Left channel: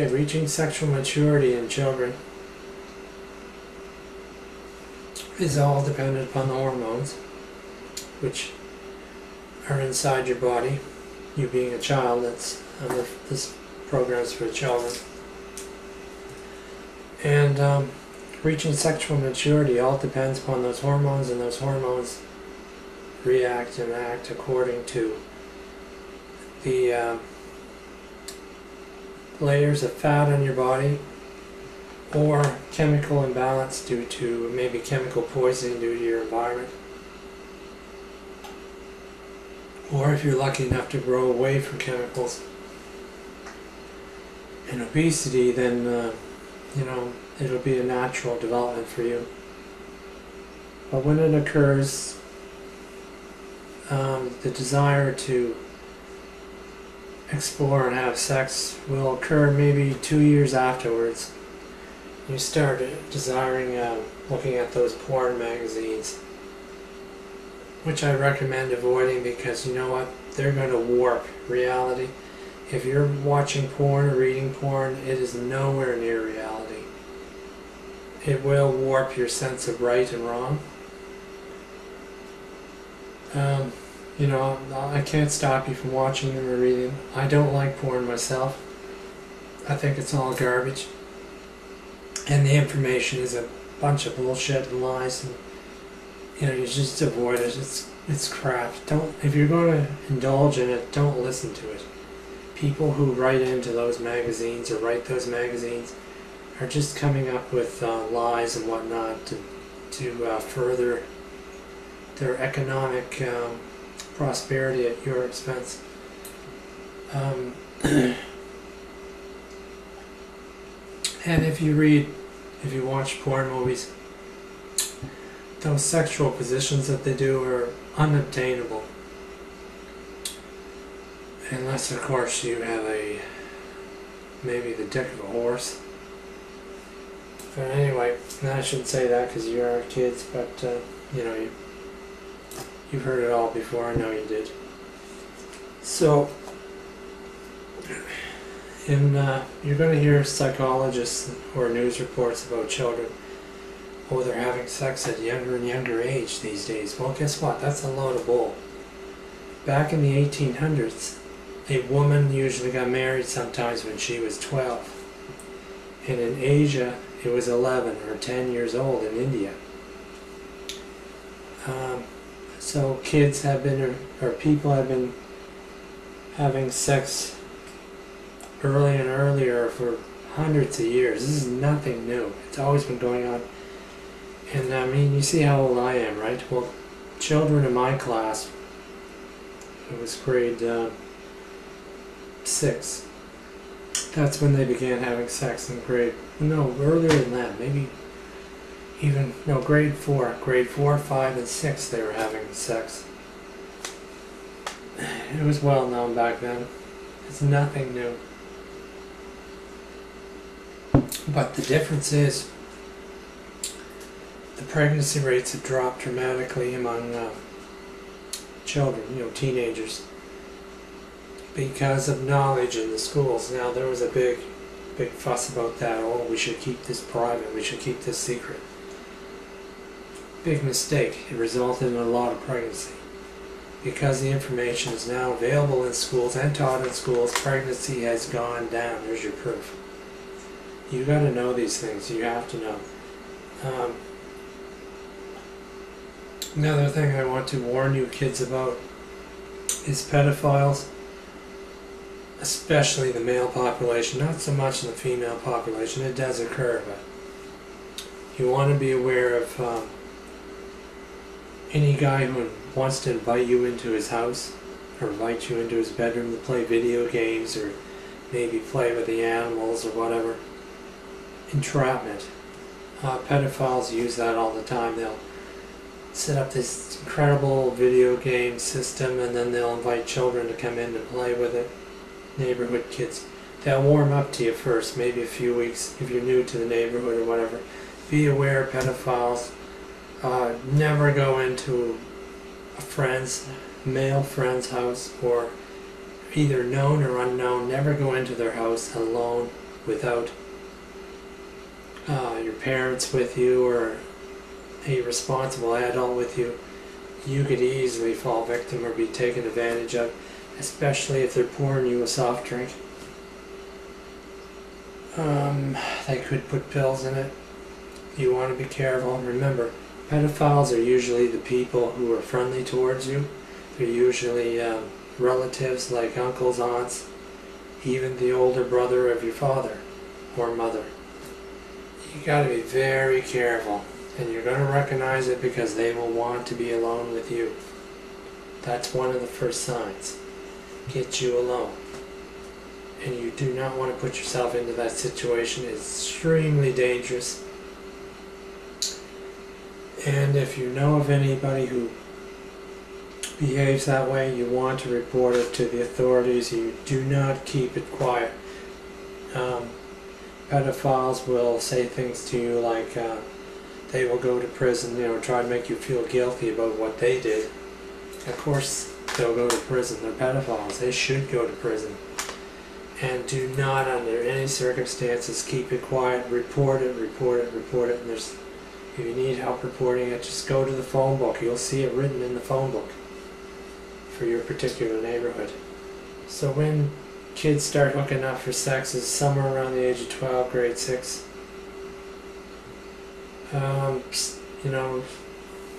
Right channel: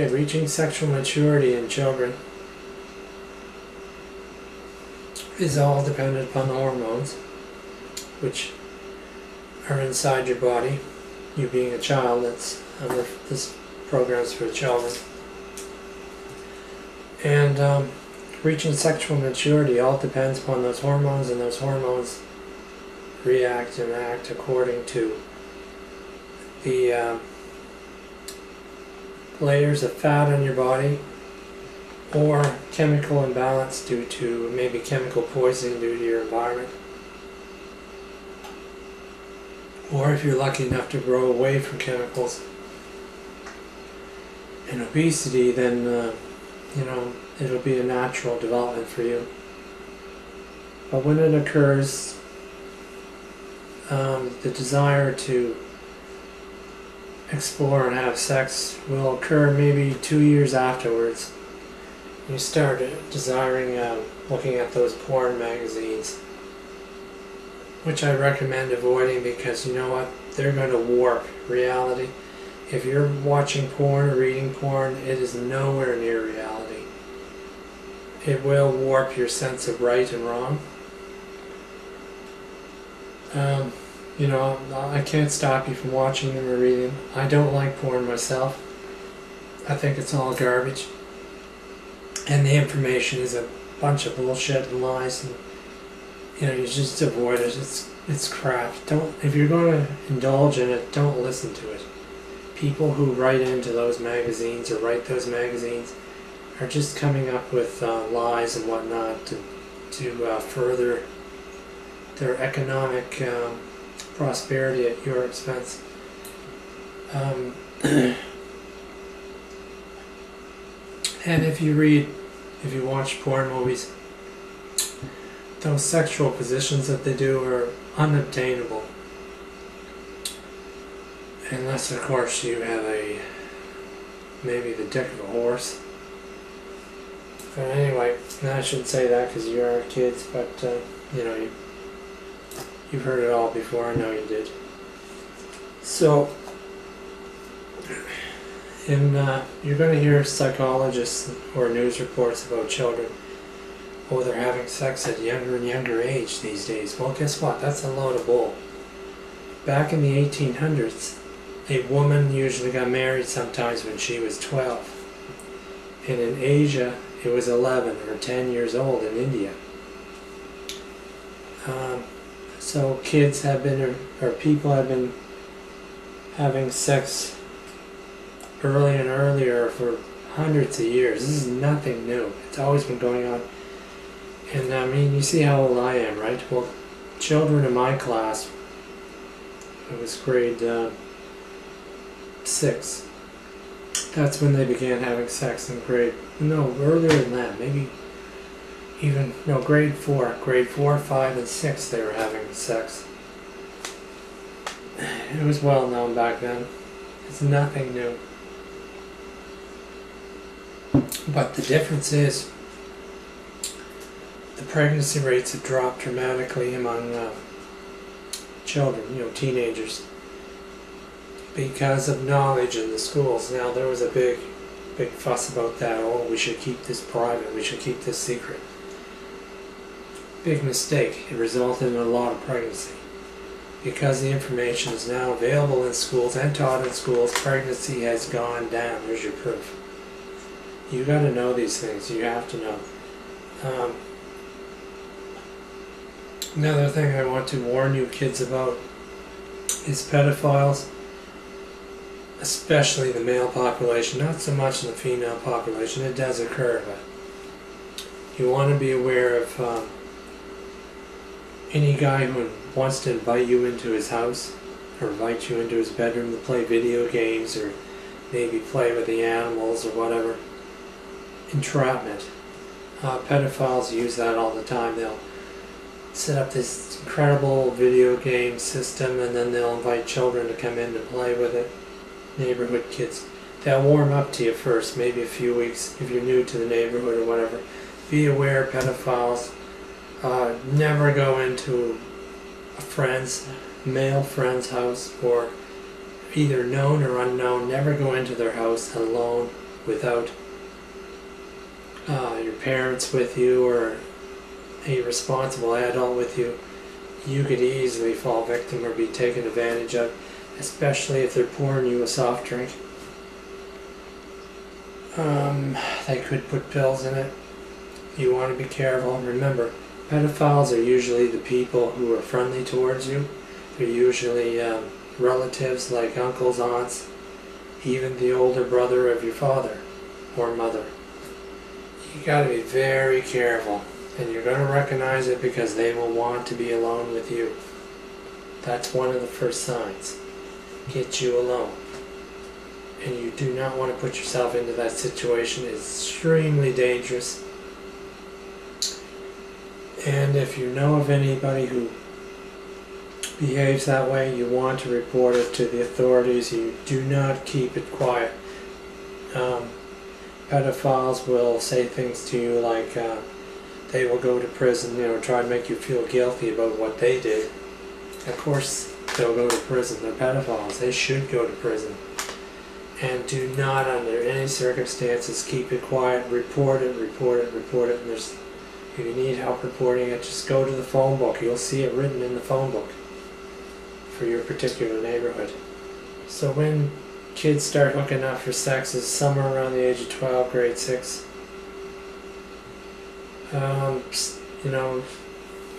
Okay, reaching sexual maturity in children is all dependent upon the hormones, which are inside your body. You being a child, this program's for children. And reaching sexual maturity all depends upon those hormones, and those hormones react and act according to the layers of fat on your body, or chemical imbalance due to maybe chemical poisoning due to your environment, or if you're lucky enough to grow away from chemicals and obesity, then you know, it'll be a natural development for you. But when it occurs, the desire to explore and have sex will occur maybe 2 years afterwards. You start desiring looking at those porn magazines, which I recommend avoiding, because you know what, they're going to warp reality. If you're watching porn or reading porn, it is nowhere near reality. It will warp your sense of right and wrong. You know, I can't stop you from watching them or reading them. I don't like porn myself. I think it's all garbage. And the information is a bunch of bullshit and lies, and you know, you just avoid it. It's crap. If you're going to indulge in it, don't listen to it. People who write into those magazines or write those magazines are just coming up with lies and whatnot to further their economic prosperity at your expense. And if you watch porn movies, those sexual positions that they do are unobtainable. Unless, of course, you have maybe the dick of a horse. But anyway, I shouldn't say that because you are kids, but you know, you've heard it all before. I know you did. So, you're going to hear psychologists or news reports about children. Oh, they're having sex at younger and younger age these days. Well, guess what? That's a load of bull. Back in the 1800s, a woman usually got married sometimes when she was 12. And in Asia, it was 11 or 10 years old in India. So kids have been, or people have been having sex earlier and earlier for hundreds of years. This is nothing new. It's always been going on. And I mean, you see how old I am, right? Well, children in my class, it was grade 6. That's when they began having sex in earlier than that, maybe even, no, grade 4, 5, and 6 they were having sex. It was well known back then. It's nothing new. But the difference is, the pregnancy rates have dropped dramatically among children, you know, teenagers, because of knowledge in the schools. Now, there was a big fuss about that. Oh, we should keep this private, we should keep this secret. Big mistake. It resulted in a lot of pregnancy. Because the information is now available in schools and taught in schools, pregnancy has gone down. There's your proof. You got to know these things. You have to know. Another thing I want to warn you kids about is pedophiles, especially the male population, not so much in the female population. It does occur, but you want to be aware of any guy who wants to invite you into his house or invite you into his bedroom to play video games or maybe play with the animals or whatever. Entrapment. Pedophiles use that all the time. They'll set up this incredible video game system and then they'll invite children to come in to play with it. Neighborhood kids. They'll warm up to you first, maybe a few weeks if you're new to the neighborhood or whatever. Be aware, pedophiles. Never go into a male friend's house, or either known or unknown. Never go into their house alone without your parents with you or a responsible adult with you, you could easily fall victim or be taken advantage of, especially if they're pouring you a soft drink. They could put pills in it. You want to be careful. Remember, pedophiles are usually the people who are friendly towards you. They're usually relatives like uncles, aunts, even the older brother of your father or mother. You got to be very careful, and you're going to recognize it because they will want to be alone with you. That's one of the first signs. Get you alone. And you do not want to put yourself into that situation. It's extremely dangerous. And if you know of anybody who behaves that way, you want to report it to the authorities. You do not keep it quiet. Pedophiles will say things to you like they will go to prison, try to make you feel guilty about what they did. Of course, they'll go to prison. They're pedophiles. They should go to prison. And do not, under any circumstances, keep it quiet. Report it, report it, report it. And if you need help reporting it, just go to the phone book. You'll see it written in the phone book for your particular neighborhood. So when kids start hooking up for sex is somewhere around the age of 12, grade 6.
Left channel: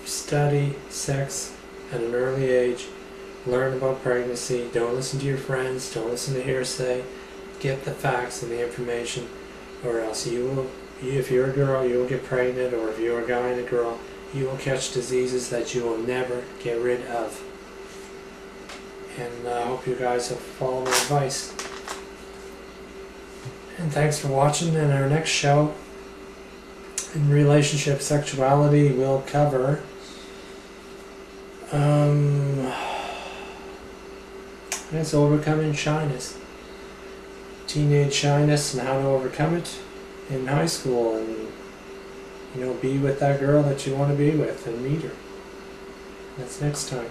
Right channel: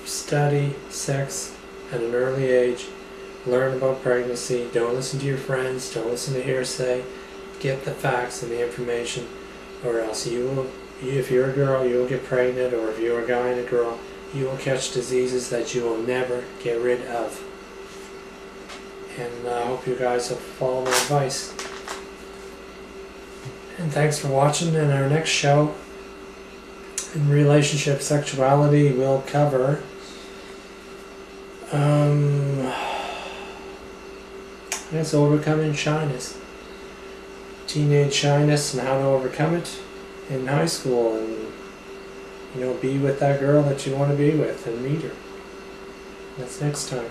Study sex at an early age. Learn about pregnancy. Don't listen to your friends. Don't listen to hearsay. Get the facts and the information, or else if you're a girl, you will get pregnant, or if you're a guy and a girl, you will catch diseases that you will never get rid of. And I hope you guys will follow my advice. And thanks for watching. In our next show, in relationship sexuality, we'll cover it's overcoming shyness. Teenage shyness and how to overcome it in high school, and be with that girl that you want to be with and meet her. That's next time.